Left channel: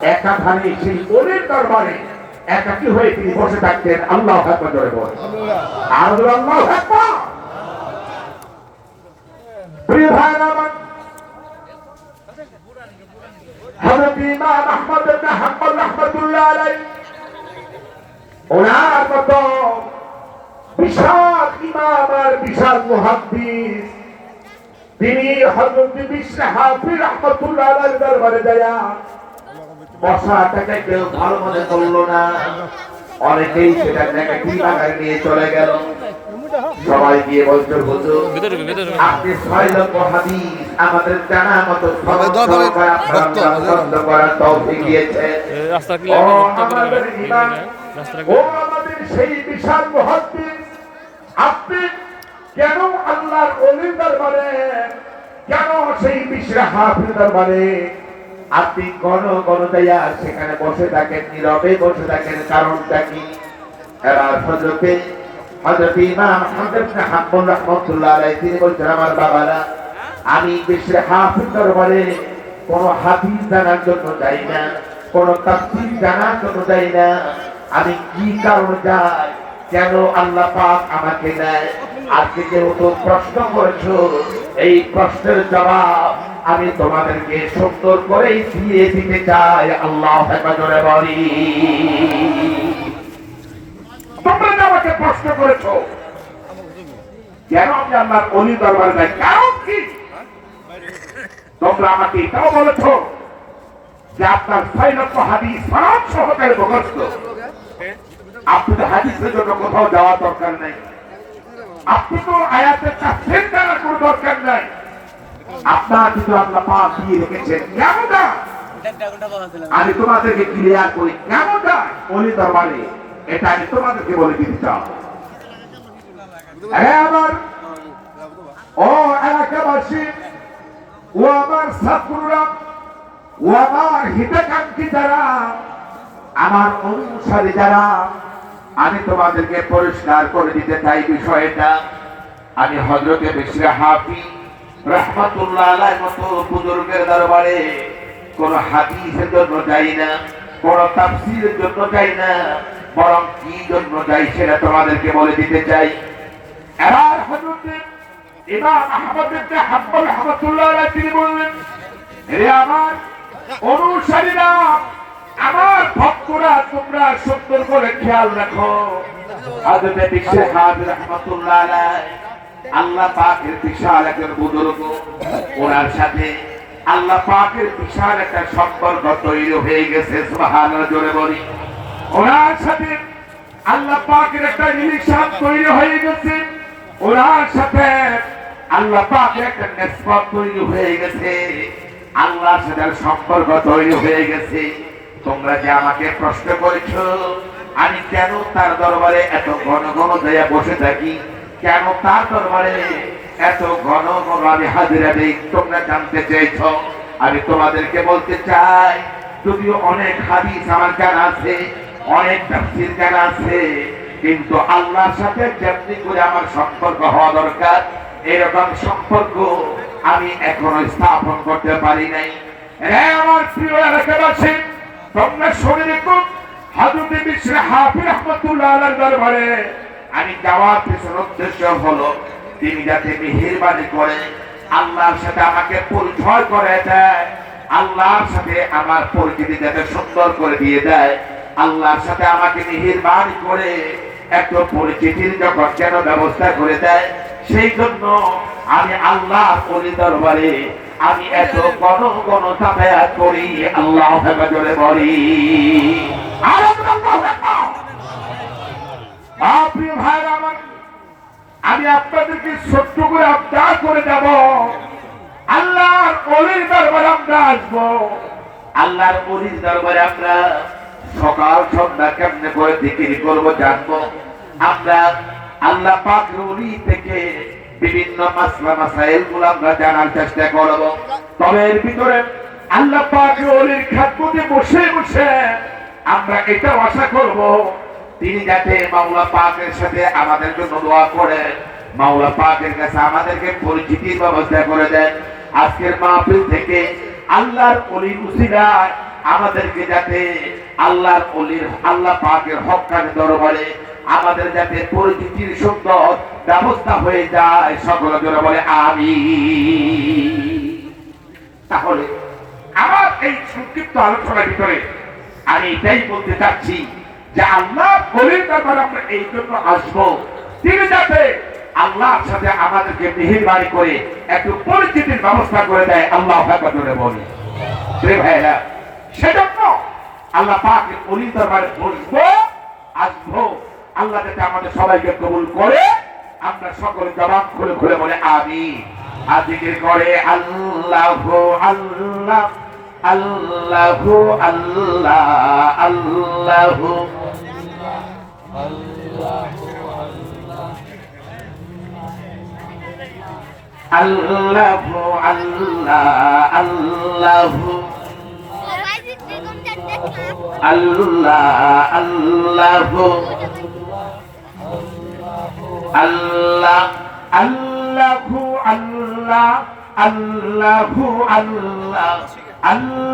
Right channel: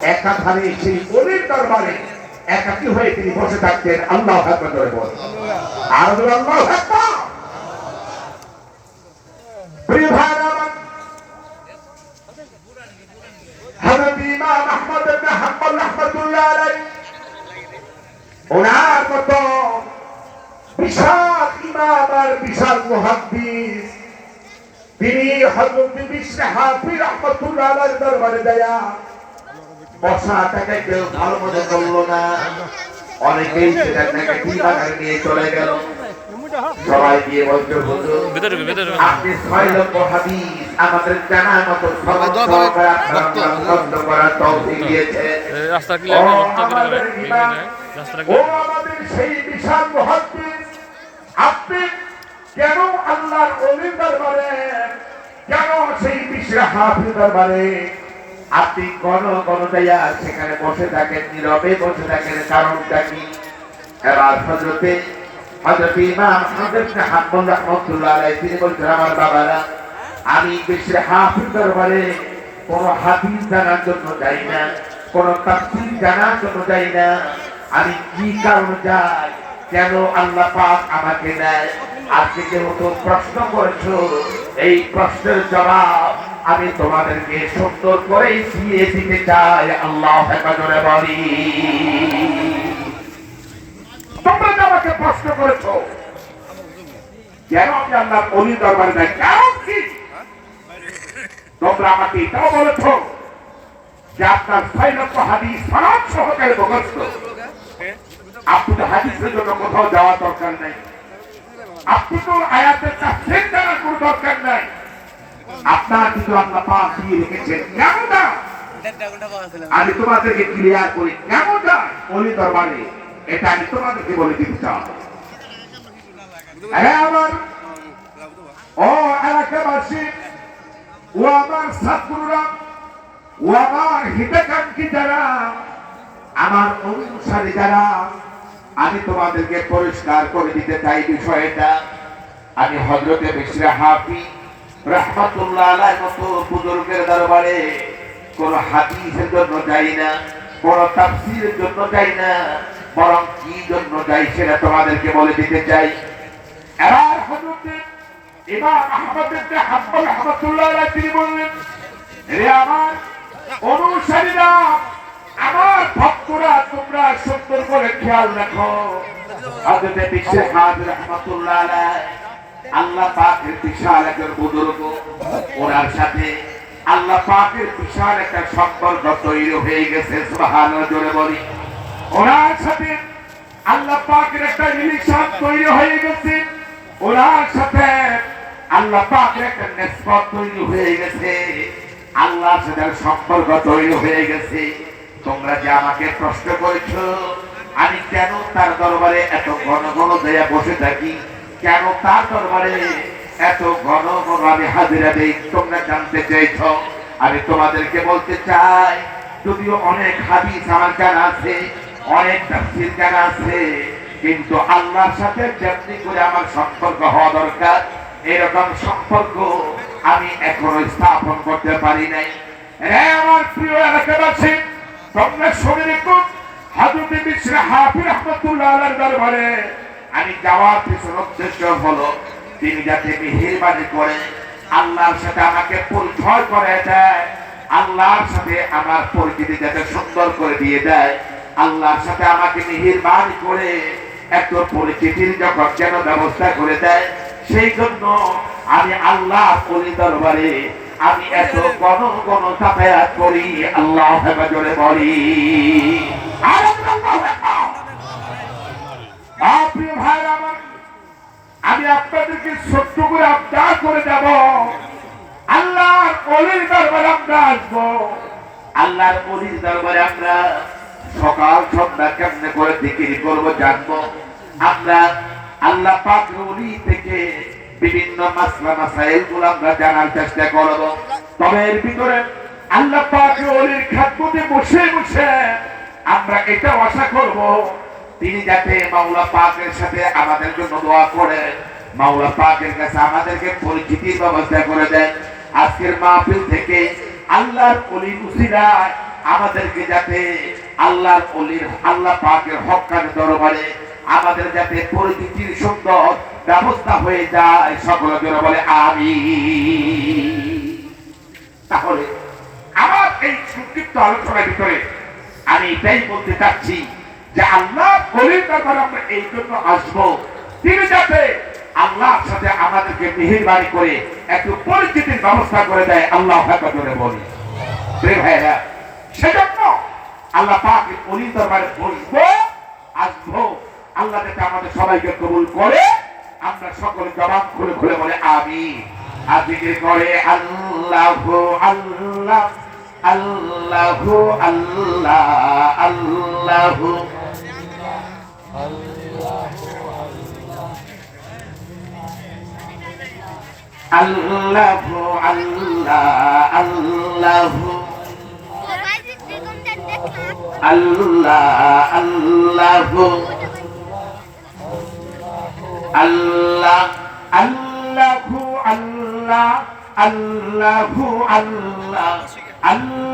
একাধারে সেই ওলির দরবারে একাকী হয়ে তিনি বসে থাকতেন। আল্লাহু আকবার জোরে বল। আর আল্লাহু আকবার। প্রিয় ভাইরা আমার, হযরত ইমাম আহমদ ইবনে হাম্বল রাহমাতুল্লাহ আলাইহি ওনার মতো বিশাল ইমাম আর বিশাল মুহাদ্দিস তিনি হযরত বিশর হাফিজ রাহমাতুল্লাহ আলাইহির দরবারে যায় বসাটাকে কেউ ভালো মনে করলো না। অনেকেই সেটা নেগেটিভ আকারে নিয়ে চলে গেল। সবাই গিয়ে বলছে, হুজুর আপনি 6 লক্ষ হাদিস আমাদের জানা মতো করার তৌফিক দিয়েছেন। ও আমাদের সেই বিশাল মুহাদ্দিস, আপনি কেন আল্লাহর ওলির দরবারে, কেন সেই বিশর হাফিজ দরবারে আপনি কোন যাইয়া সেখানে বসে থাকেন, নীরবে বসে থাকেন, কারণটা কি? এবার হযরত ইমাম আহমদ ইবনে হাম্বল রাহমাতুল্লাহ আলাইহি তিনি বলছেন, আমার বাবারা, আমি বিশর হাফিজ দরবারে কোন হাদিস জানার জন্য যাই না, কোন তাফসীর জানার জন্য যাই না। আমি কি কারণে যাই, কেন আল্লাহ পাক আমাকে দেয়? আজকে যেহেতু প্রশ্ন করেছো, এই প্রশ্নের জবাব আমি তোমাদেরকে সুন্দর করে দিয়ে দিতে চাই। আল্লাহু আকবার জোরে বলি। তোমরা যে আমাকে প্রশ্ন করেছো কেন আমি আল্লাহর ওলির দরবারে যাই, কারণ কি? তোমরা আমাকে এটাও বলেছো যে আপনার 6 লক্ষ হাদিস সনদ সহকারে মুখস্থ। আপনি তো হাদিসের জন্য কোথাও যাওয়ার দরকার নেই, আপনি তো আয়াতের তাফসীর জানার কোনো দরকার নাই। আপনার কিন্তু আল্লাহ পাক দিয়ে রেখেছেন। কেন যায়? আমি তোমাদেরকে ক্লিয়ার করি কেন যায় ওলি দরবারে, এটা আমি তোমাদেরকে বলে দিতে চাই। আমার ও এলাকাবাসী, ও আমার ছাত্ররা, ও আমার হিতাকাঙ্ক্ষী যারা, আমার অনুসারী যারা, আমি তোমাদেরকে পরিষ্কার করে দিতে চাই বিষয়টা। আমি হযরত বিশর হাফিজ রাহমাতুল্লাহ আলাইহির মতো বুজুর্গের দরবারে কোন হাদিসের জন্য যাই না, কোন তাফসীরের জন্য যাই না, বরং কি জন্য যাই সেটা তোমাদেরকে বলে দিতে চাই। এবার হযরত ইমাম আহমদ ইবনে হাম্বল রাহমাতুল্লাহ আলাইহি তিনি বললেন, হে আমার অনুসারীরা, আমার ভক্তরা, তোমরা সুন্দর করে খেয়াল রাখো। হযরত বিশর হাফিজ রাহমাতুল্লাহ আলাইহি আল্লাহ পাকের বিশাল একজন বুজুর্গ, ওনার সাথে আল্লাহ পাকের বিশাল একটা সম্পর্ক তৈরি হয়ে গেছে। সুবহানাল্লাহ জোরে বলি। ওনার সাথে আল্লাহ পাকের একটা রিলেশন তৈরি হয়ে গেছে, ওনার সাথে আল্লাহ পাকের একটা নিসবত তৈরি হয়ে গেছে, আল্লাহর সাথে সম্পর্ক তৈরি হয়ে গেছে। তোমরা যে আমাকে প্রশ্ন করেছো আমি কেন তার দরবারে এত ঘন ঘন যাইয়া বসে থাকি, কেন তার দরবারে এত ঘন ঘন আমি হাজিরা দেই, তোমরা জানতে চাইছ। আমি তোমাদেরকে বলতে চাই, যদিও অনেক হাদিস আমার জানা আছে, অনেক তাফসীর জানা আছে, কিন্তু আল্লাহর সাথে যেমনি করে আমার সম্পর্ক হওয়া দরকার, এরকম সম্পর্ক আমি এখনো স্থাপন করতে পারি নাই। আমার প্রিয় এলাকাবাসী, তোমরা শুনে রেখো, হযরত বিশর হাফিজ রাহমাতুল্লাহ আলাইহির দরবারে আমি যাওয়ার পিছনে উদ্দেশ্য হলো তিনি যাতে মেহেরবানি করে আল্লাহর সাথে আমাকে পরিচয় করে দেয়, আল্লাহর সাথে আমার পরিচিতি যাতে সুন্দর করে দিয়ে দেয়, আল্লাহর সাথে আমাকে মেহেরবানি করে এত পরিচিতির যখন যেন ব্যবস্থা করে দেয়। সেই জন্য আমি আল্লাহর ওলি দরবারে আমি এত ঘন ঘন যাতায়াত করি। আল্লাহু আকবার জোরে বলি। প্রিয় ভাইরা আমার, আমি আপনাদেরকে সত্য করে আবদার করে যাব, আল্লাহর ওলির দরবারে আমরা আসবো। আল্লাহর ওলির দরবারে আমরা সকাল সন্ধ্যা কেমনে করে জিকির করবো জানবো। আমরা আল্লাহ পাকের ওলি থেকে বিভিন্ন মাসলা মাসাইল গুলো আমরা জানার চেষ্টা করব। তবে এর ভিতরে আল্লাহ পাকের ওলির খেদমতে বসে বসে আমরা এটা আশা করব তিনি যাতে মাওলা পাকের সাথে আমাদের জন্য দোয়া করে, মাওলা পাকের কাছে আমাদেরকে পরিচিতির ব্যবস্থা করে দেন। আজকের মাহফিল থেকে আল্লাহর ওলি উসিলায় আমাদেরকে যাতে আল্লাহর ওলির আল্লাহ পাকের হক্কানি দরবারে আমাদের যাতে পরিচিতির সুন্দর ব্যবস্থা হয়ে যায়, সকলে জোরে বলে আমিন। তাহলে আমার এই সংক্ষিপ্ত আলোচনার ভিতরে আমি এটাই বলতে চাচ্ছি যে আল্লাহ ওলির দরবারে আমরা এই জন্য আসবো, তিনি যাতে আল্লাহর সাথে আমাদেরকে মেহেরবানি করে একটু পরিচিতির ব্যবস্থা করে দেয়। আল্লাহ জোরে বলি ভাইরা, সেজন্য আল্লাহ পাকের ওলির দরবারে বসবো, আসবো। আল্লাহ যাতে আমাদের সবাইকে কবুল করে, আমরা সকলে জবান খুলে খুলে বলে আমিন। আর জিকির করে আল্লাহু আল্লাহ আল্লাহু আল্লাহ আল্লাহু আল্লাহু আল্লাহ আল্লাহু আল্লাহ আল্লাহু আল্লাহ আল্লাহু আল্লাহ আল্লাহু আল্লাহ আল্লাহ